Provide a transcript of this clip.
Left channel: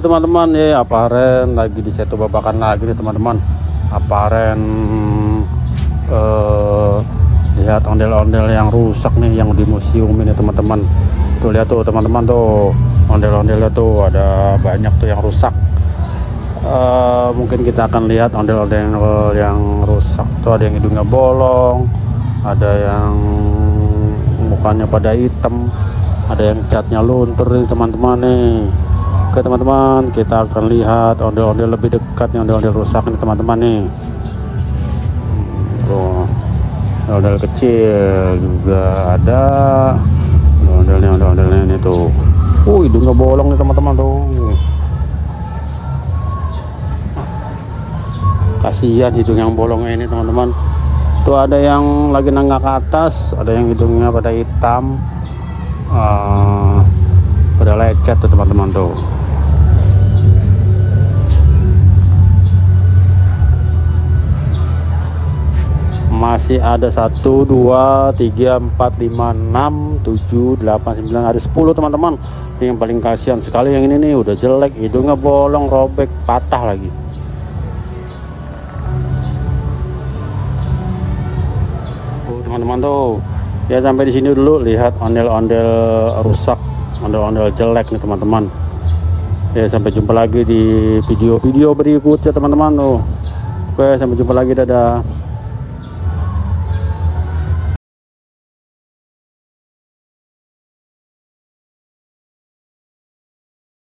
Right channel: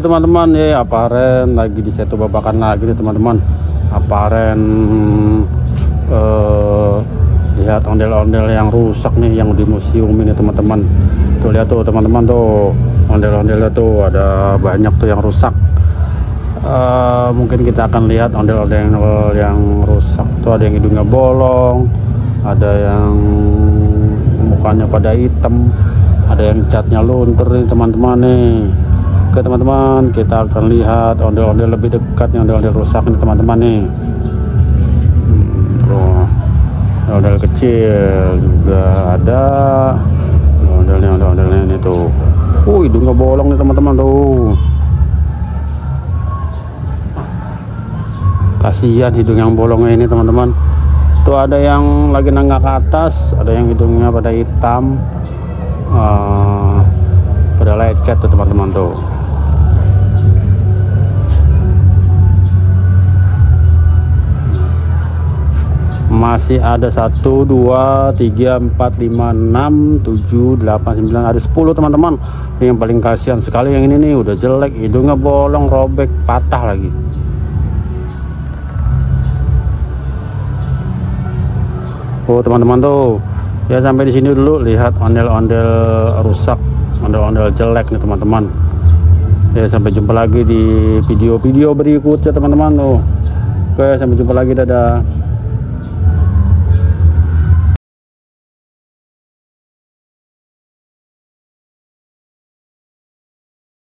Halo teman-teman, ya aparen lagi di satu babakan lagi nih teman-teman. Aparen lihat ondel-ondel yang rusak nih yang di museum ini teman-teman. Tuh lihat tuh teman-teman tuh, ondel-ondelnya tuh ada banyak tuh yang rusak. Mungkin kita akan lihat ondel-ondel yang rusak tuh, ada yang hidungnya bolong, ada yang mukanya pada hitam, ada yang catnya luntur nih teman-teman nih. Oke teman-teman, kita akan lihat ondel-ondel lebih dekat nih, ondel-ondel rusak ini teman-teman nih. Ondel kecil juga ada, ondel-ondelnya ini tuh. Hidungnya bolong nih teman-teman tuh. Kasihan hidung yang bolongnya ini teman-teman. Tuh ada yang lagi nanggak ke atas, ada yang hidungnya pada hitam, pada lecet tuh teman-teman tuh. Masih ada 1, 2, 3, 4, 5, 6, 7, 8, 9, ada 10 teman-teman. Yang paling kasihan sekali yang ini nih, udah jelek, hidungnya bolong, robek, patah lagi. Oh teman-teman tuh, ya sampai di sini dulu lihat ondel-ondel rusak, ondel-ondel jelek nih teman-teman. Ya sampai jumpa lagi di video-video berikutnya teman-teman tuh. Oke, sampai jumpa lagi, dadah.